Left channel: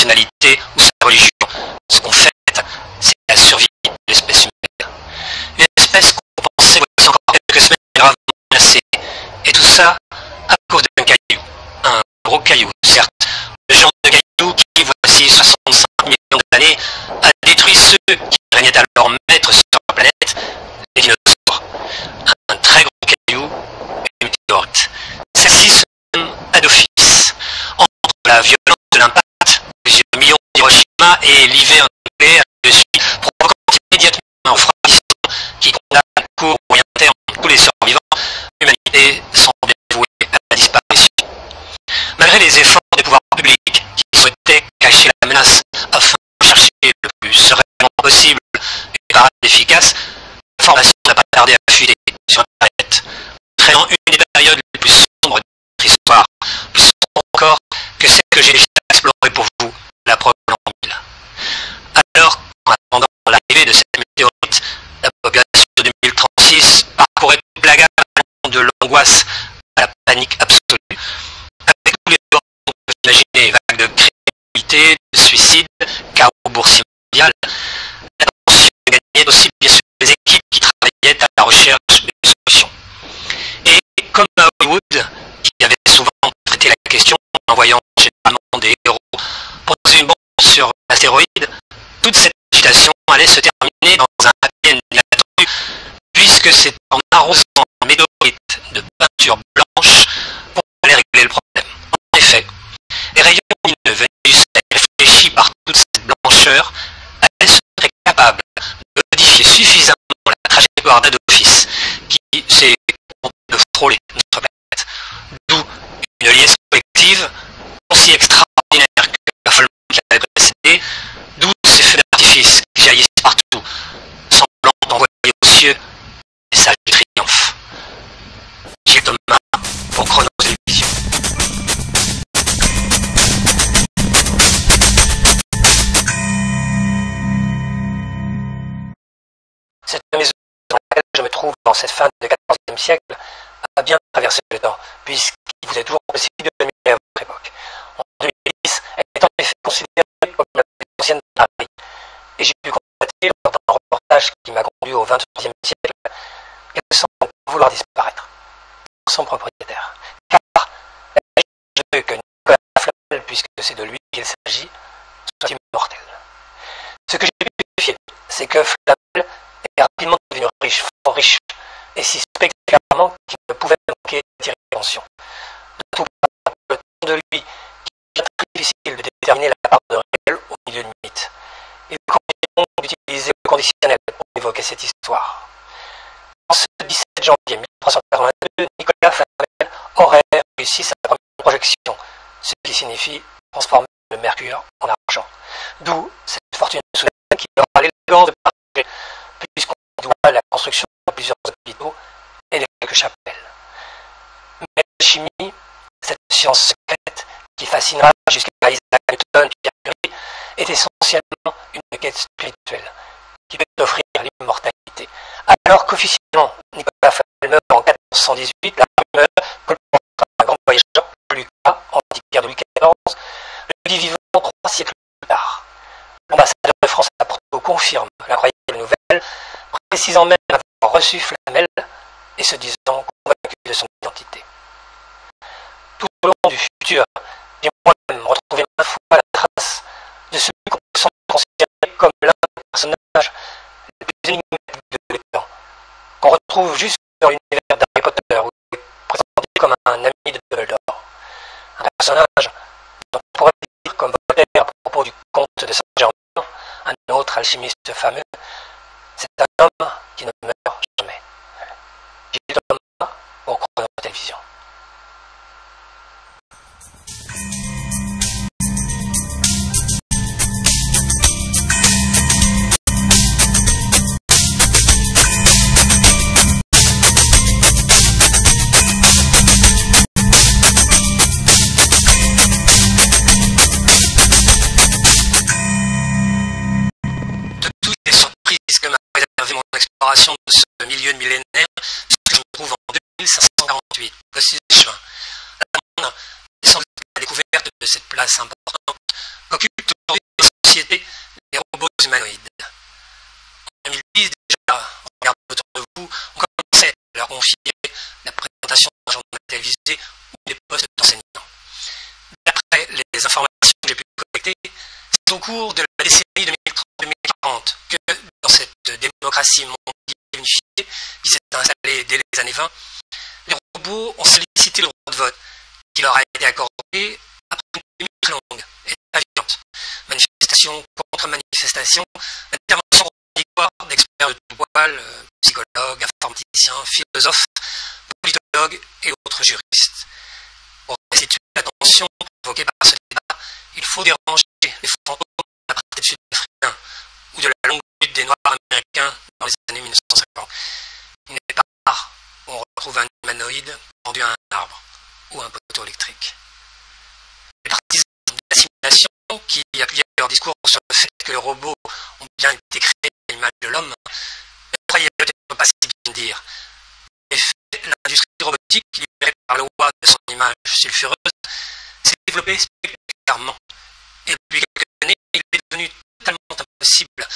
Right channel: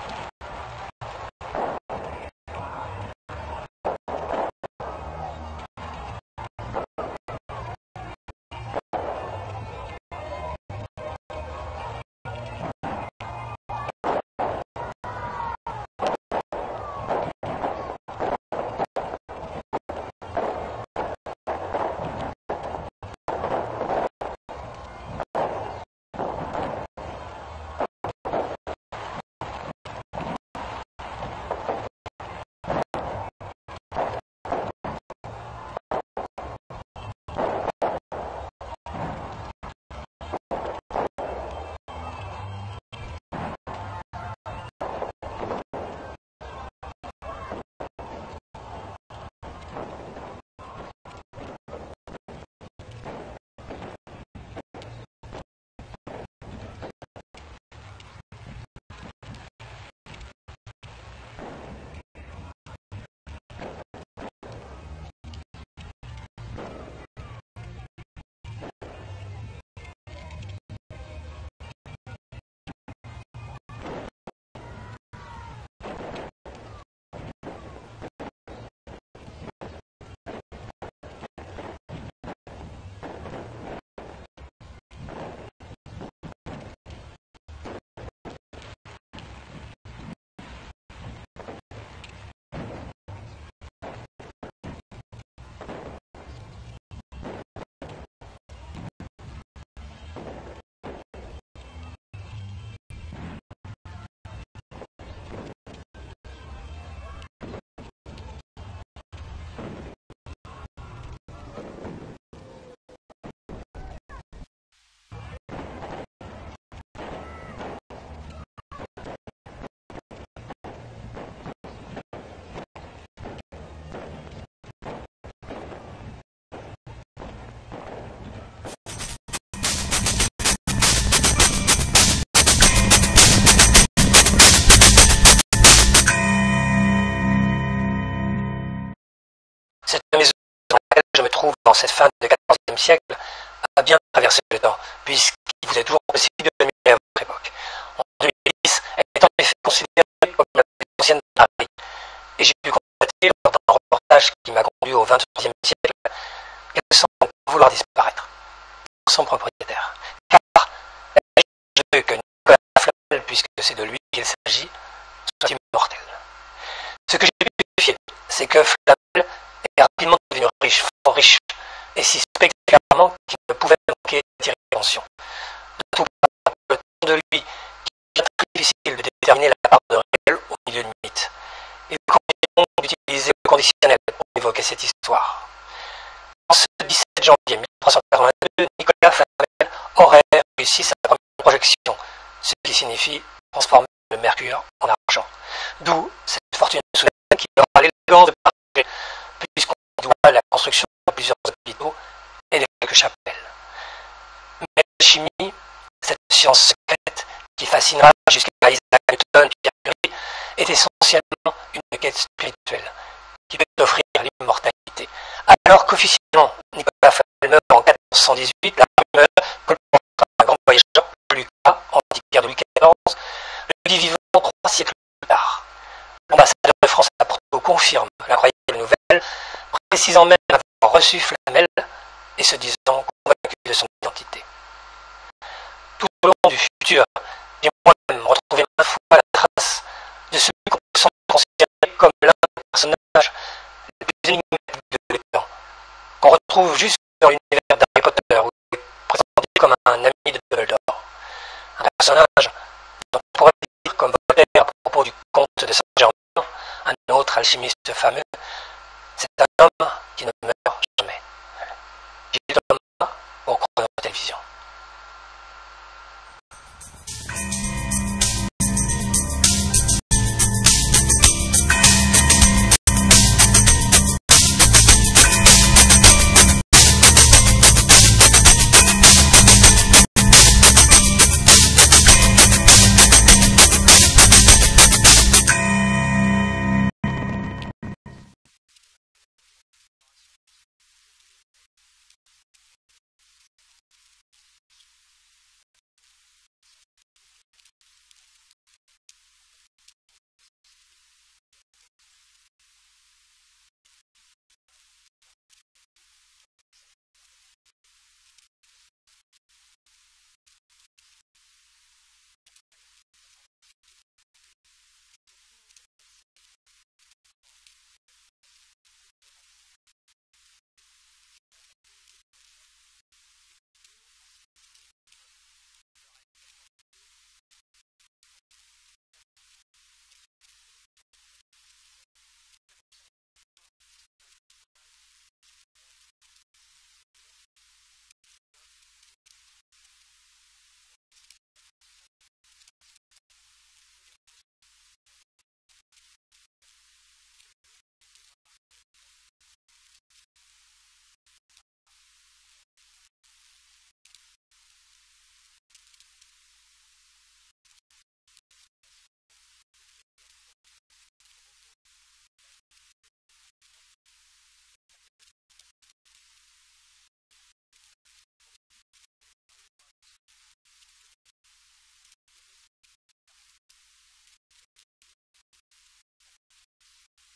nationalité ou sa religion. Ce qu'on fait, c'est la survie de l'espèce humaine. Une espèce qu'on pensait voici encore quelques semaines gravement menacée. Et tout ça à cause d'un caillou. Un gros caillou, certes. Le genre de caillou qui, voici 65 millions d'années, a détruit ceux qui régnaient alors maîtres sur la planète, les dinosaures. Un très gros caillou, une météorite. Celle-ci se nomme Adophis. Entre la violence de l'impact, plusieurs millions d'Hiroshima et l'hiver nucléaire dessus, provoquant immédiatement un refroidissement qui condamne à court ou moyen terme tous les survivants, l'humanité semble vouée à la disparition. Malgré les efforts des pouvoirs publics qui souhaitaient cacher la menace afin de chercher le plus sereinement possible une parade efficace, l'information n'a pas tardé à fuiter sur Internet, entraînant une des périodes les plus sombres de notre histoire, plus sombre encore que celle que j'ai déjà explorée pour vous, la preuve de l'an 1000. Alors, en attendant l'arrivée de cette météorite, la population de 2036 parcourait toute la gamme de l'angoisse à la panique absolue, avec tous les bords qu'on peut imaginer, vagues de criminalité, de suicide, chaos boursier mondial. La tension gagnait aussi bien sûr les équipes qui travaillaient à la recherche d'une solution. Et comme à Hollywood, qui avait souvent traité la question en envoyant généralement des héros poser une bombe sur l'astéroïde, toute cette agitation allait se terminer dans un happy end inattendu, puisque c'est en arrosant un météorite de peinture blanche qu'on allait régler le problème. En effet, les rayons lumineux venus du ciel réfléchis par toute cette blancheur allaient seraient capables de modifier suffisamment la trajectoire d'Adophis qui s'est de frôler notre planète. D'où une liaison collective aussi extraordinaire que l'affolement qui l'avait précédé, d'où ces feux d'artifice qui jaillissent partout, semblant envoyer aux cieux des messages de triomphe. Gilles Thomas pour Chronos Télévision. Cette maison dans laquelle je me trouve dans cette fin du XIVe siècle a bien traversé le temps, puisqu'il vous est toujours possible de mieux à votre époque. En 2010, elle est en effet considérée comme la plus ancienne de Paris. Et j'ai pu constater lors d'un reportage qui m'a conduit au XXIe siècle qu'elle semble vouloir disparaître, son propriétaire. Car je veux que Nicolas Flamel, puisque c'est de lui qu'il s'agit, soit immortel. Ce que j'ai pu vérifier, c'est que Flamel est rapidement devenu riche, fort riche, et si spectaculairement qu'il ne pouvait manquer d'attirer l'attention. Tout par le temps de lui, qui est très difficile de déterminer la part de réel au milieu du mythe. Il convient donc d'utiliser le conditionnel pour évoquer cette histoire. En ce 17 janvier 1382, Nicolas Flamel aurait réussi sa première projection, ce qui signifie transformer le mercure en argent. D'où cette fortune soudaine qui aura l'élégance de partager, puisqu'on doit la construction de plusieurs hôpitaux et de quelques chapelles. Mais la chimie, cette science secrète qui fascinera jusqu'à Isaac Newton et Pierre Curie, est essentiellement une quête spirituelle qui peut offrir l'immortalité. Alors qu'officiellement, Nicolas Flamel meurt en 1418, la rumeur que un grand voyageur, Lucas, antiquaire de Louis XIV, le dit vivant 3 siècles plus tard. L'ambassadeur de France à Porto confirme l'incroyable nouvelle, précisant même avoir reçu Flamel et se disant convaincu de son identité. Tout au long du futur, j'ai moi-même retrouvé maintes fois la trace de celui qu'on peut considérer comme l'un des personnages les plus énigmatiques de l'époque, qu'on retrouve juste dans l'univers d'Harry Potter, où il est présenté comme un ami de Dumbledore. Un personnage dont on pourrait dire comme Voltaire à propos du comte de Saint-Germain, un autre alchimiste fameux, c'est un homme qui ne meurt jamais. Gilles Thomas pour Chronos Télévision. Que m'a réservé mon exploration de ce milieu de millénaire, puisque je me trouve en 2548, le 6 juin. La est sans doute la découverte de cette place importante qu'occupe confier la présentation d'un journal télévisé ou des postes d'enseignants. D'après les informations que j'ai pu collecter, c'est au cours de la décennie 2030-2040 que dans cette démocratie mondiale unifiée qui s'est installée dès les années 20, les robots ont sollicité le droit de vote qui leur a été accordé après une minute longue et aviante. Manifestation contre manifestation, intervention contradictoire d'experts de tout poil, psychologues, informaticiens, philosophes, politologues et autres juristes. Pour restituer la tension provoquée par ce débat, il faut déranger les fantômes de l'apartheid sud-africain ou de la longue lutte des Noirs américains dans les années 1950. Il n'est pas rare qu'on retrouve un humanoïde pendu à un arbre ou un poteau électrique. Les partisans de l'assimilation qui appuyaient leur discours sur le fait que les robots ont bien été créés à l'image de l'homme ne croyaient peut-être pas si bien dire. En effet, l'industrie robotique, libérée par le roi de son image sulfureuse, s'est développée spectaculairement. Et depuis quelques années, il est devenu totalement impossible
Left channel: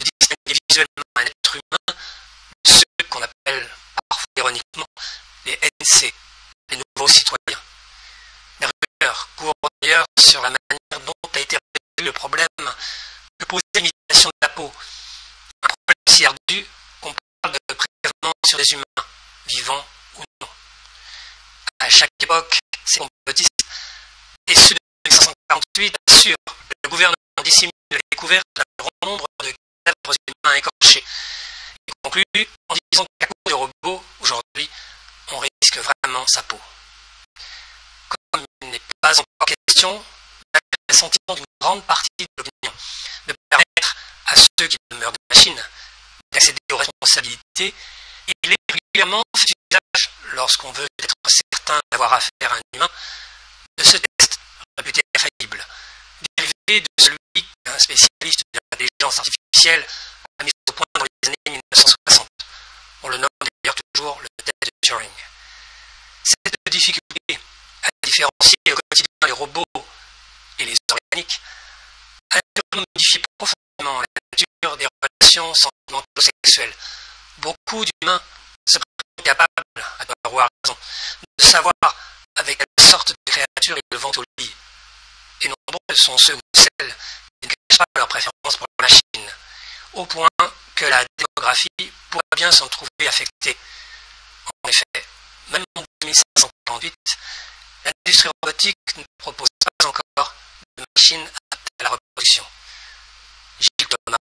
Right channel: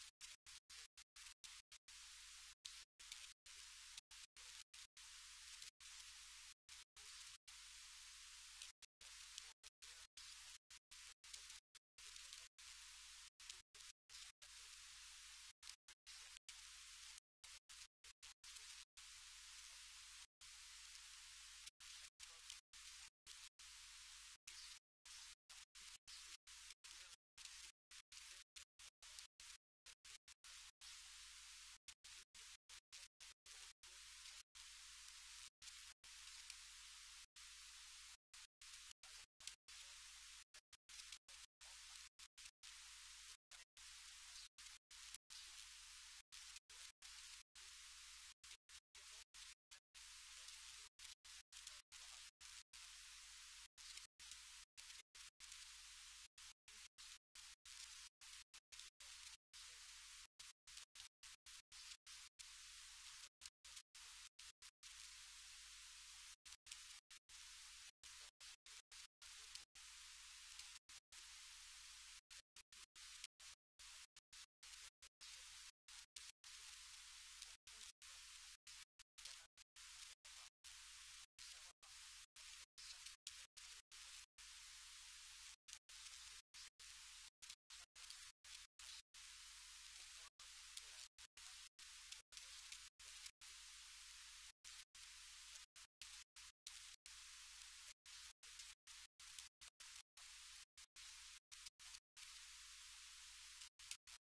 de distinguer visuellement un être humain de ceux qu'on appelle parfois ironiquement les NC, les nouveaux citoyens. Les rumeurs courent d'ailleurs sur la manière dont a été résolu le problème que posait l'imitation de la peau. Un problème si ardu qu'on parle de prélèvement sur des humains, vivants ou non. À chaque époque, ces complotistes, et ceux de 1548 assurent que le gouvernement dissimule la découverte d'un grand nombre de cadavres humains écorchés. Il conclut en disant qu'à cause de robots, aujourd'hui, on risque vraiment sa peau. Comme il n'est pas encore question d'un sentiment d'une grande partie de l'opinion de permettre à ceux qui demeurent des machines d'accéder aux responsabilités, il est régulièrement fait usage, lorsqu'on veut être certain d'avoir affaire à un humain, de ce test réputé infaillible, dérivé de celui qu'un spécialiste de l'intelligence artificielle a mis au point dans les années 1960. On le nomme d'ailleurs toujours le test de Turing. Cette difficulté à différencier au quotidien les robots et les organiques a modifié profondément la nature des relations sentimentalo-sexuelles. Beaucoup d'humains se prétendent capables, à avoir raison, de savoir avec quelle sorte de créature ils vont au lit. Et nombreux sont ceux ou celles qui ne cachent pas leur préférence pour la machine, au point que la démographie pourrait bien s'en trouver affectée. En effet, même en 1548, l'industrie robotique ne propose pas encore de machines adaptées à la reproduction. Gilles Thomas,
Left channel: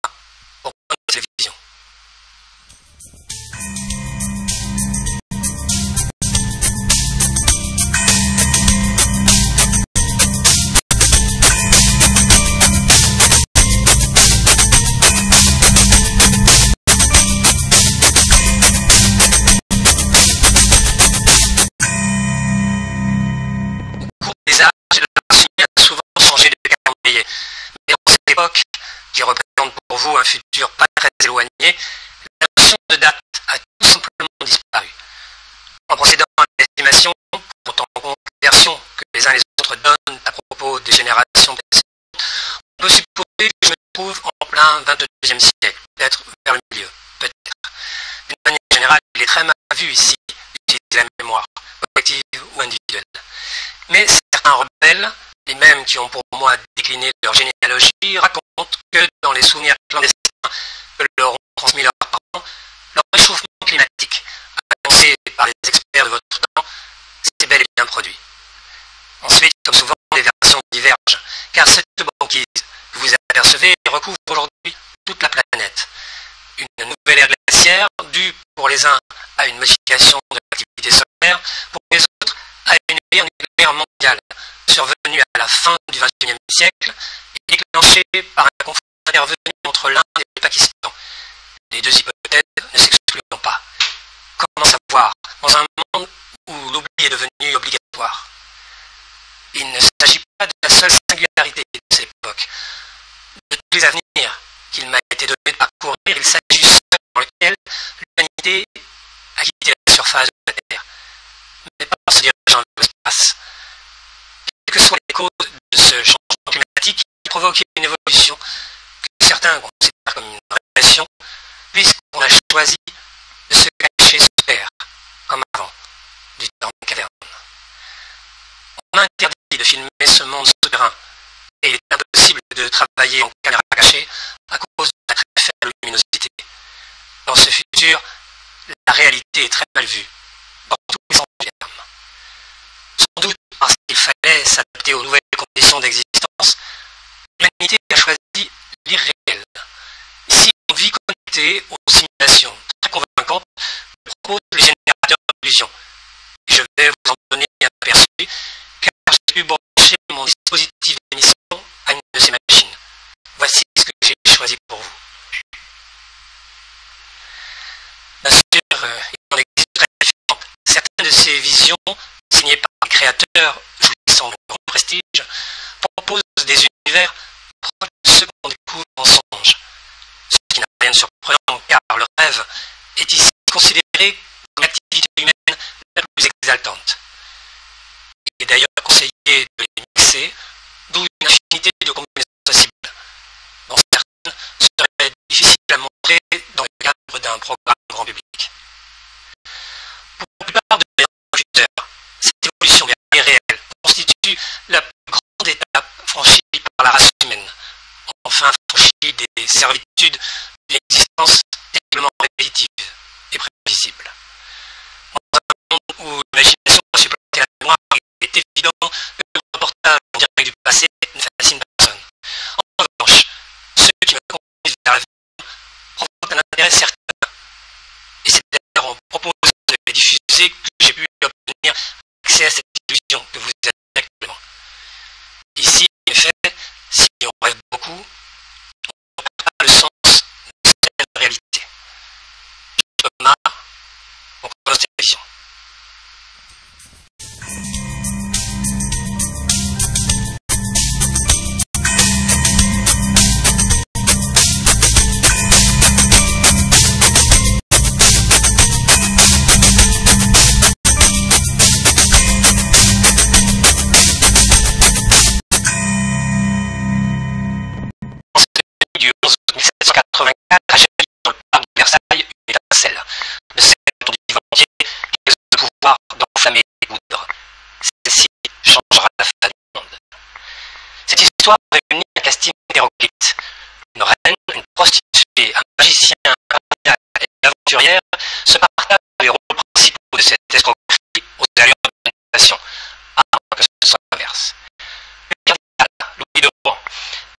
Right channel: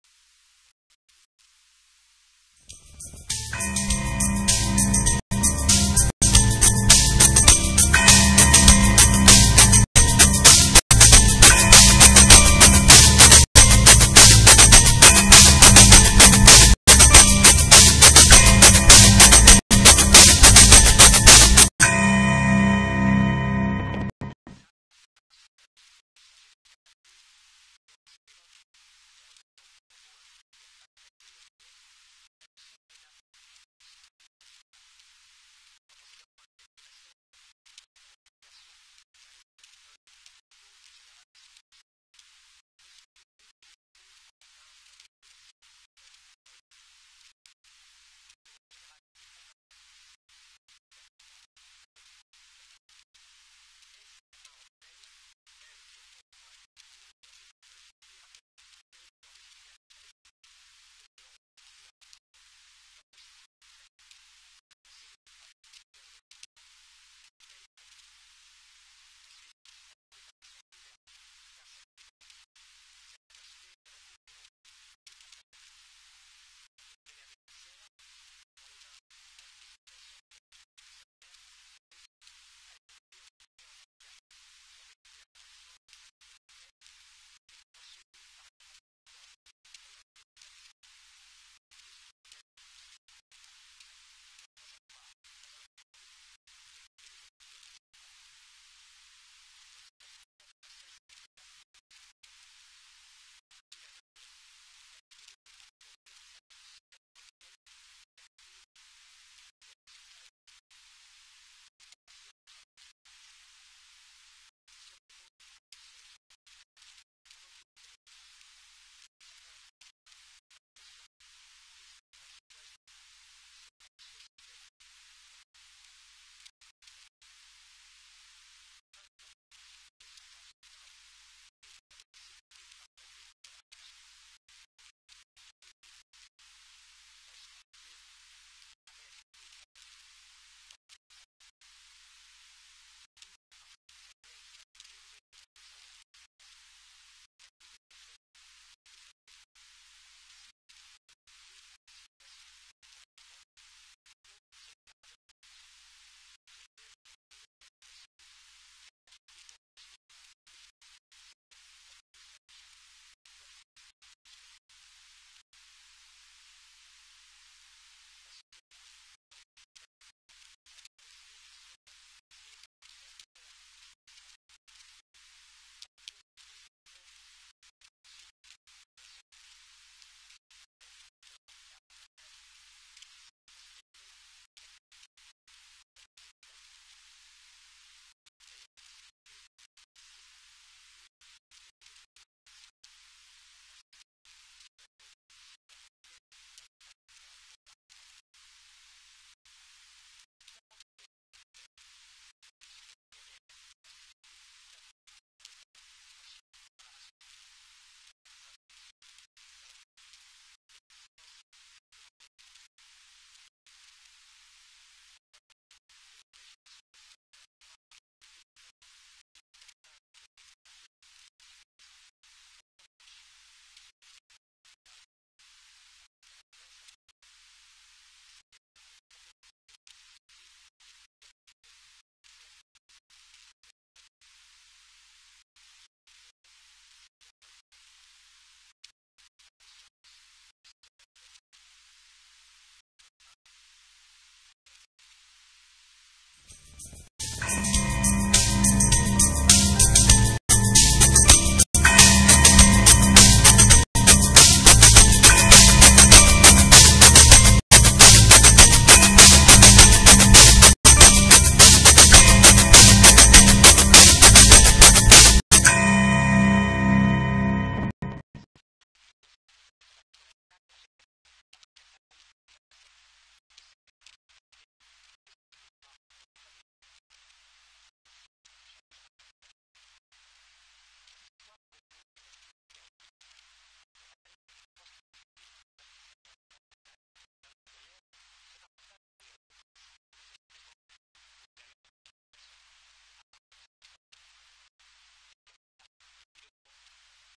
pour Point de Télévision. Qui représente pour vous un futur pas très éloigné, la notion de date a tout simplement disparu. En procédant à l'estimation, pourtant en conversion que les uns et les autres donnent à propos des générations précédentes, on peut supposer que je me trouve en plein 22e siècle, peut-être vers le milieu, peut-être. D'une manière générale, il est très mal vu ici d'utiliser la mémoire, collective ou individuelle. Mais certains rebelles, les mêmes qui ont pour moi décliné leur généalogie, racontent que dans les souvenirs clandestins que leur ont transmis leurs parents, leur réchauffement climatique, annoncé par les experts de votre temps, s'est bel et bien produit. Ensuite, comme souvent, les versions divergent, car cette banquise que vous apercevez recouvre aujourd'hui toute la planète. Une nouvelle ère glaciaire due pour les uns à une modification de l'activité solaire, pour les autres à une guerre nucléaire mondiale, survenue à la fin du XXIe siècle et déclenchée par un conflit intervenu entre l'Inde et le Pakistan. Les deux hypothèses ne s'excluant pas. Comment savoir dans un monde où l'oubli est devenu obligatoire? Il ne s'agit pas de la seule singularité de cette époque. De tous les avenirs qu'il m'a été donné de parcourir, il s'agit de ceux dans lesquels l'humanité a quitté la surface de la Terre, mais pas en se dirigeant vers l'espace. Quelles que soient les causes de ce changement climatique qui provoque une évolution que certains considèrent comme une régression, puisqu'on a choisi de se cacher sous terre, interdit de filmer ce monde souterrain et il est impossible de travailler en caméra cachée à cause de la très faible luminosité. Dans ce futur, la réalité est très mal vue, dans tous les sens du terme. Sans doute parce qu'il fallait s'adapter aux nouvelles conditions d'existence, l'humanité a choisi l'irréel. Ici, on vit connecté aux simulations très convaincantes que proposent les générateurs d'illusions. Je vais vous en donner un aperçu, car j'ai pu brancher mon dispositif d'émission à une de ces machines. Voici ce que j'ai choisi pour vous. Bien sûr, il en existe très différentes. Certaines de ces visions, signées par les créateurs, jouissant de grand prestige, proposent des univers proches de ceux qu'on découvre en songe. Ce qui n'a rien de surprenant, car le rêve est ici considéré comme l'activité humaine la plus exaltante. Il est d'ailleurs conseillé de les mixer, d'où une infinité de combinaisons possibles. Dans certaines, ce serait difficile à montrer dans le cadre d'un programme grand public. Pour la plupart de mes interlocuteurs, cette évolution vers l'irréel constitue la plus grande étape franchie par la race humaine, enfin franchie des servitudes d'une existence terriblement répétitive et prévisible. Dans un monde où l'imagination a supplanté la mémoire, il est évident que le reportage en direct du passé ne fascine personne. En revanche, ceux qui me conduisent vers l'avenir provoquent un intérêt certain. Et c'est d'ailleurs en proposant de les diffuser que j'ai pu obtenir accès à cette illusion que vous êtes actuellement. Ici, en effet, si on rêve beaucoup, on ne perd pas le sens de cette réalité. Thomas, on commence cette émission. Du 11 août 1784 a jailli dans le parc de Versailles une étincelle, de celle dont on dit volontiers qu'elle a le pouvoir d'enflammer les poudres. Celle-ci changera la face du monde. Cette histoire réunit un casting hétéroclite. Une reine, une prostituée, un magicien, un cardinal et une aventurière se partagent les rôles principaux de cette escroquerie aux allures de manipulation, à moins que ce soit l'inverse. Le cardinal, Louis de Rohan,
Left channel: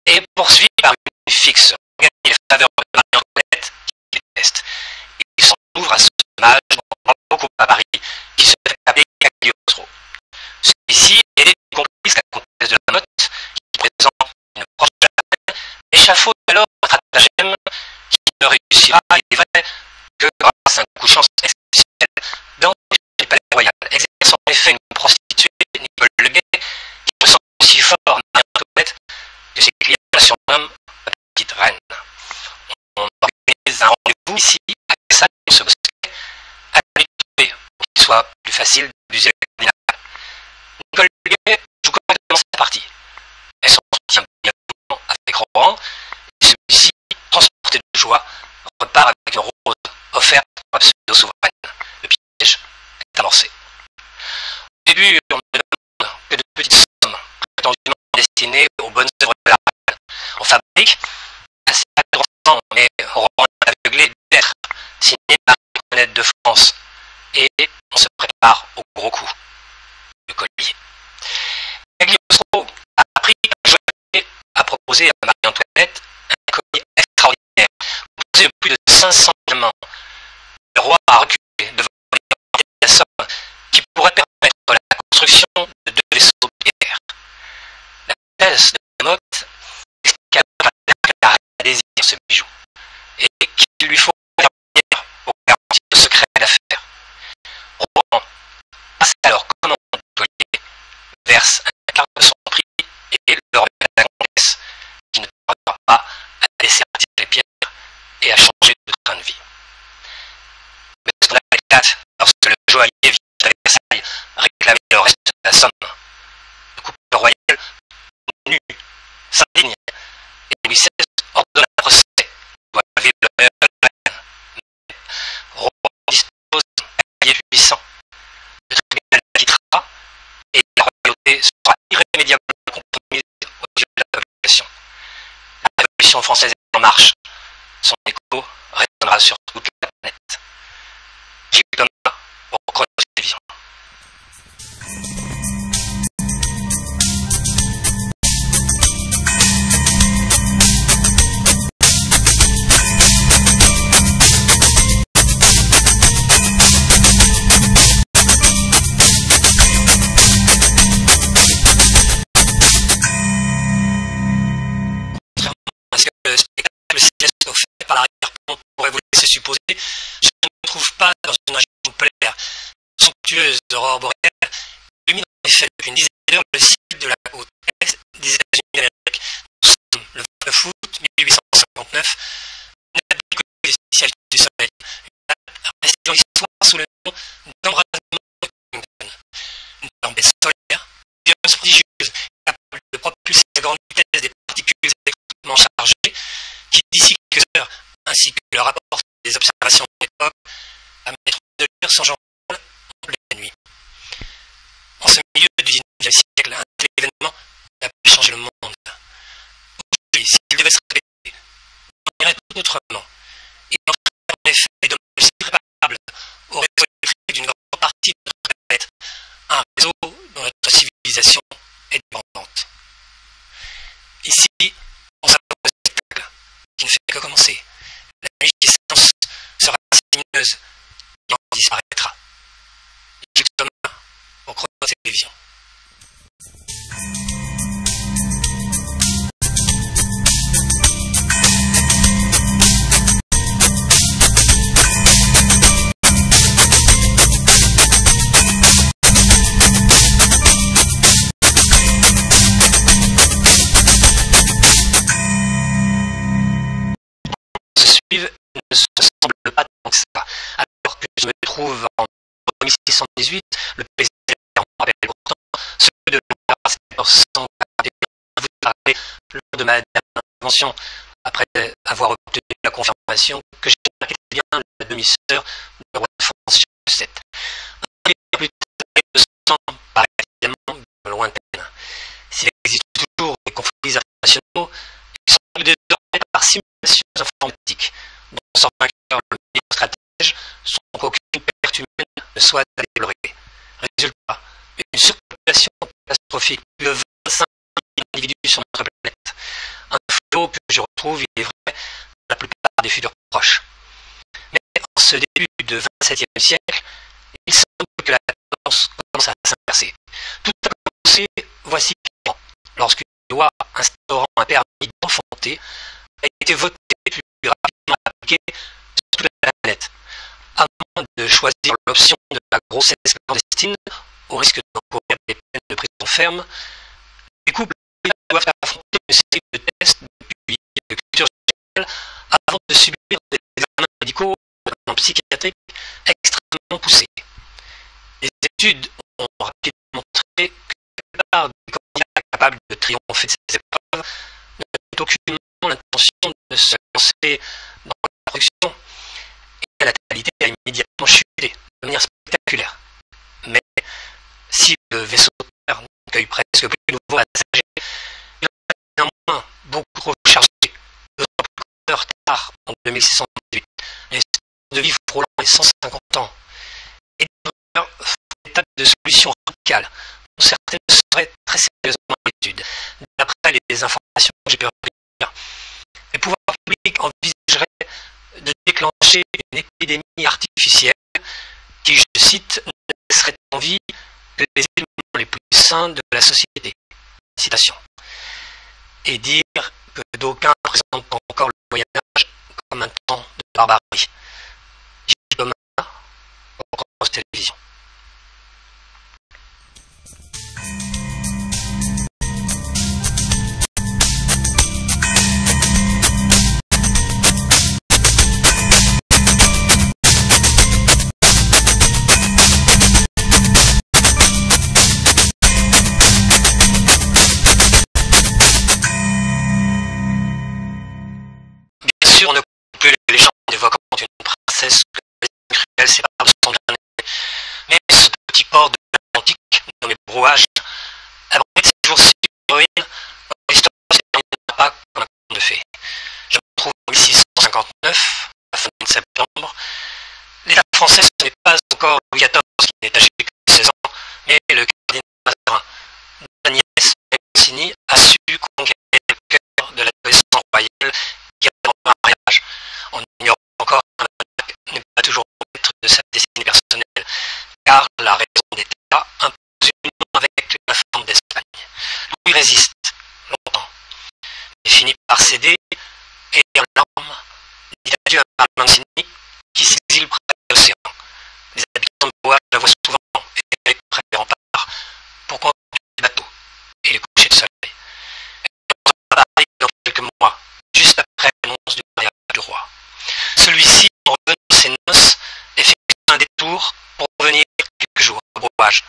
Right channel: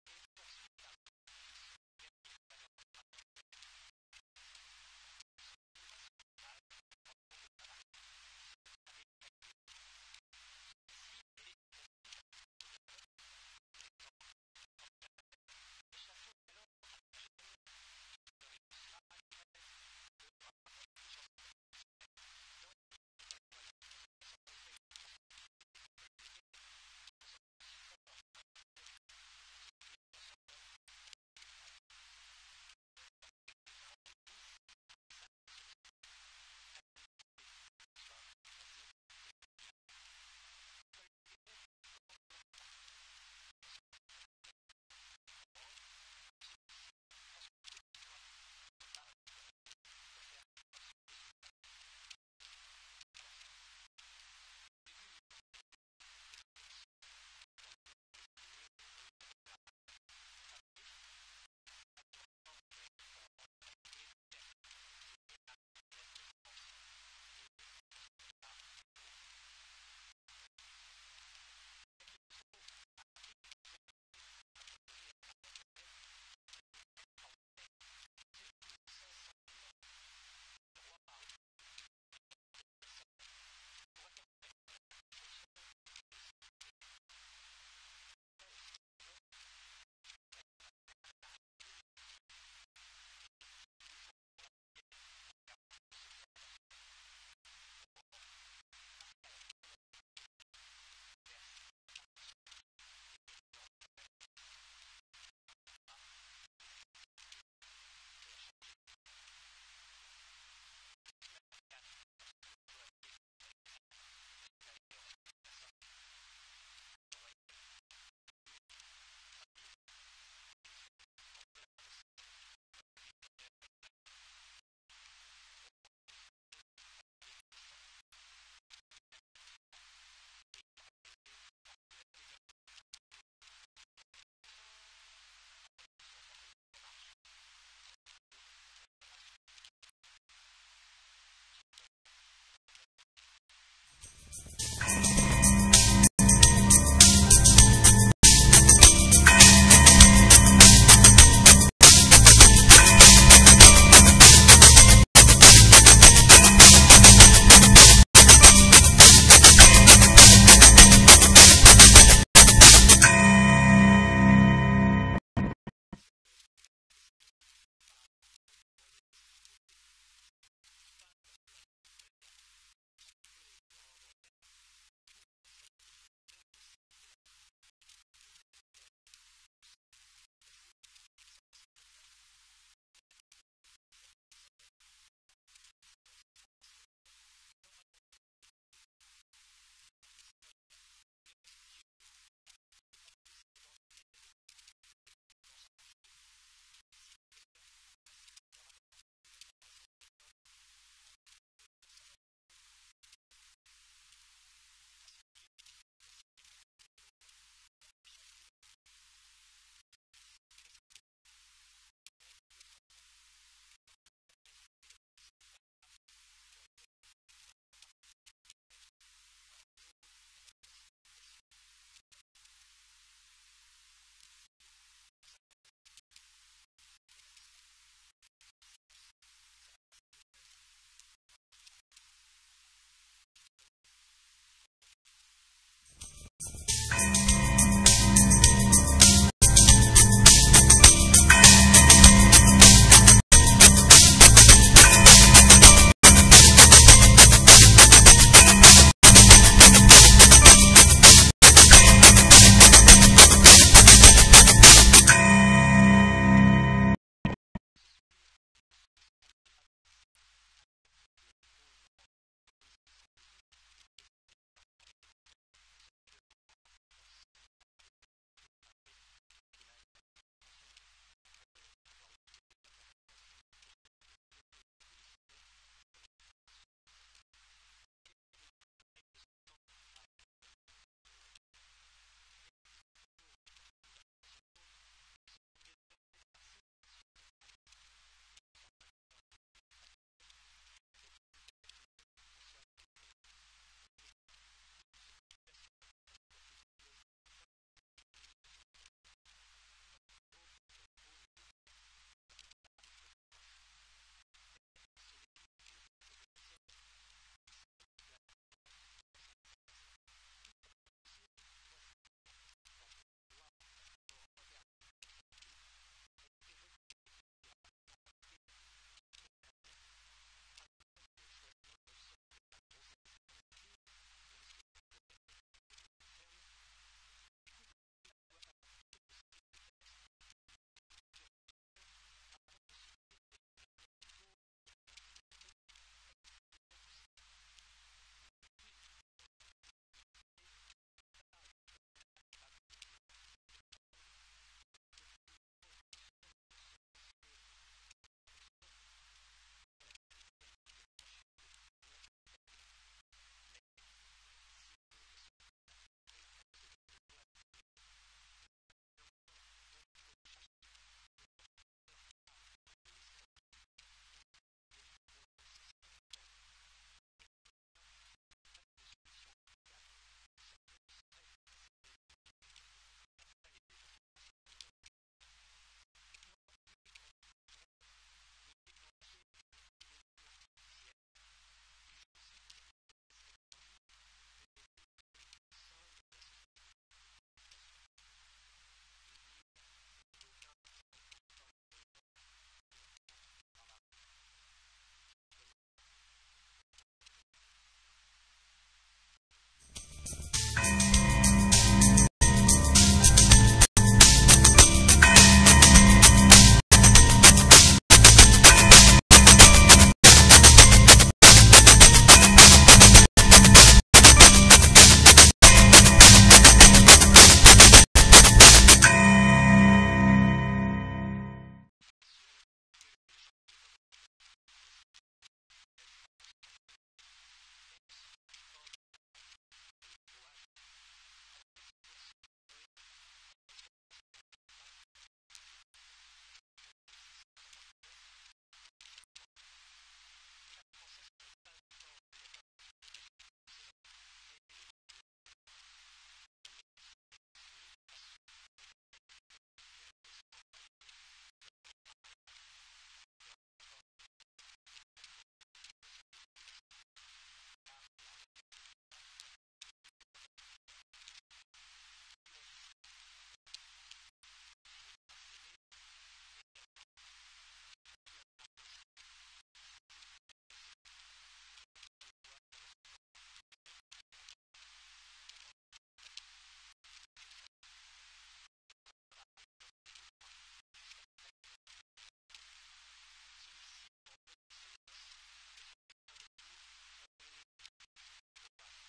est poursuivi par une fixe, gagner les faveurs de Marie-Antoinette, qui déteste. Il s'en ouvre à ce personnage dont on parle beaucoup à Paris, qui se fait appeler Cagliostro. Celui-ci, aidé du complice la comtesse de la Motte, qui présente une proche de la reine, échafaude alors un stratagème qui ne réussira, il est vrai, que grâce à un coup de chance exceptionnel dans le palais royal, exerce en effet une prostituée, Nicole Leguet, qui ressent aussi fort Marie-Antoinette que ses clients la surnomment la petite reine. On organise un rendez-vous ici, à Versailles, ce bosquet, à lui trouver pour qu'il soit plus facile d'user le cardinal. Nicole Leguet joue correctement sa partie. Elle s'entretient bien avec Rohan, et celui-ci, transporté de joie, repart avec une rose offerte par la pseudo-souveraine. Le piège est amorcé. Au début, on ne demande que de petites sommes, prétendument destinées aux bonnes œuvres de la reine. On fabrique, assez intéressant, mais Rohan aveuglé d'être signé par Marie-Antoinette de France, et on se prépare au gros coup, le collier. Cagliostro a appris qu'un joaillier a proposé à Marie-Antoinette un collier extraordinaire, composé de plus de 500 diamants. Le roi a reculé devant la somme qui pourrait permettre la construction de 2 vaisseaux de guerre. La comtesse de la Motte expliqua qu'elle a désiré ce bijou et qu'il lui faut une pierre pour garantir le secret d'affaires. Rohan passe alors commande du collier, verse un quart de son prix et le remet à la comtesse, qui ne tardera pas à dessertir les pierres et à changer de train de vie. Mais ce qu'on éclate lorsque le joaillier vient à Versailles réclamer le reste de la somme. Le couple royal, nu, s'indigne, et Louis XVI ordonne un procès pour lever l'honneur de la reine. Mais Rohan dispose d'un cavalier puissant. Le tribunal l'acquittera et la royauté se son écho résonnera sur toute la planète. J. Thomas pour Chronos Télévision. Le spectacle céleste offert par l'arrière-plan pourrait vous laisser supposer, je ne me trouve pas dans une région polaire. Somptueuse aurore boréale illumine en effet depuis une dizaine d'heures le ciel de la côte est des États-Unis d'Amérique. Nous sommes le 29 août 1859, une date bien connue des spécialistes du soleil, une date restée dans l'histoire sous le nom d'embrasement de Washington. Une tempête solaire, violence prodigieuse, capable de propulser à grande vitesse des particules électriquement chargées, qui d'ici quelques heures, ainsi que le rapport des observations de l'époque, permettront de lire son journal en pleine nuit. En ce milieu du XIXe siècle, un tel événement a pu changer le monde. Aujourd'hui, s'il devait se répéter, on irait tout autrement. Il entraînerait en effet des dommages irréparables au réseau électrique d'une grande partie de notre planète, un réseau dont notre civilisation est dépendante. Ici, on s'approche de spectacle qui ne fait que commencer. La magnificence sera si lumineuse et en disparaîtra. J. Thomas pour Chronos Télévision. Ne se semble pas tant que ça. Alors que je me trouve en 1618, le président rappelle pourtant ceux de l'embarras 1441 vous parlez lors de ma dernière intervention, après avoir obtenu la confirmation que j'ai été bien la demi-sœur du roi de France Charles VII. Un peu plus tard, le sang paraît évidemment lointaine. S'il existe toujours des conflits internationaux, ils sont désormais par simulation informatique, dont sort vainqueur le meilleur stratège, sans qu'aucune perte humaine ne soit à déplorer. Résultat, une surpopulation catastrophique, plus de 25 000 individus sur notre planète. Un fléau que je retrouve, il est vrai, dans la plupart des futurs proches. Mais en ce début du XXVIIe siècle, il semble que la tendance commence à s'inverser. Tout a commencé, voici quand, lorsqu'une loi instaurant un permis d'enfanter a été votée plus rapidement appliquée sur toute la planète, à moins de choisir l'option de la grossesse clandestine, au risque d'encourir des peines de prison ferme. Les couples doivent affronter une série de tests depuis de culture générale avant de subir des examens médicaux en psychiatrique extrêmement poussés. Les études ont rapidement montré que la plupart des candidats capables de triompher de ces épreuves n'ont aucunement l'intention de se lancer dans la production, et la natalité a immédiatement chuté de manière spectaculaire. Mais si le vaisseau de terre n'accueille presque plus de nouveaux passagers, il en a néanmoins beaucoup trop chargé, d'autant plus de retard en 2618, les de vie frôlant les 150 ans. Et d'ailleurs, des tas de solutions radicales, dont certaines seraient très sérieusement à l'étude, d'après les informations que j'ai pu recueillir. Les pouvoirs publics envisageraient de déclencher une épidémie artificielle qui, je cite, ne laisserait en vie que les éléments les plus sains de la société. Citation. Et dire que d'aucuns présentent encore le Moyen-Âge comme un temps de barbarie. J. Thomas pour Chronos Télévision. On ne compte plus les légendes évoquant une princesse que les cruels séparent de son bien-aimé. Mais ce petit port de l'Atlantique, nommé Brouage, abrite ces jours-ci une héroïne dont l'histoire ne se terminera pas comme un conte de fées. Je me trouve en 1659 septembre. L'État français, ce n'est pas encore Louis XIV qui n'est âgé que 16 ans, mais le cardinal Mazarin. Agnès Mancini a su conquérir le cœur de l'adolescent royal qui attend un mariage. On ignore encore qu'un monarque n'est pas toujours maître de sa destinée personnelle, car la raison d'État impose une union avec la femme d'Espagne. Louis résiste longtemps, mais finit par céder et en larmes dit adieu à Marie Mancini qui s'exile près de l'océan. Les habitants de Bois la voient souvent et avec près des remparts pour contempler les bateaux et les couchers de soleil. Elle rentre à Paris dans quelques mois, juste après l'annonce du mariage du roi. Celui-ci, en revenant de ses noces, effectue un détour pour revenir quelques jours à Brouage,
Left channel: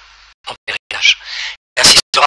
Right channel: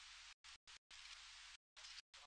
en pèlerinage. Il assistera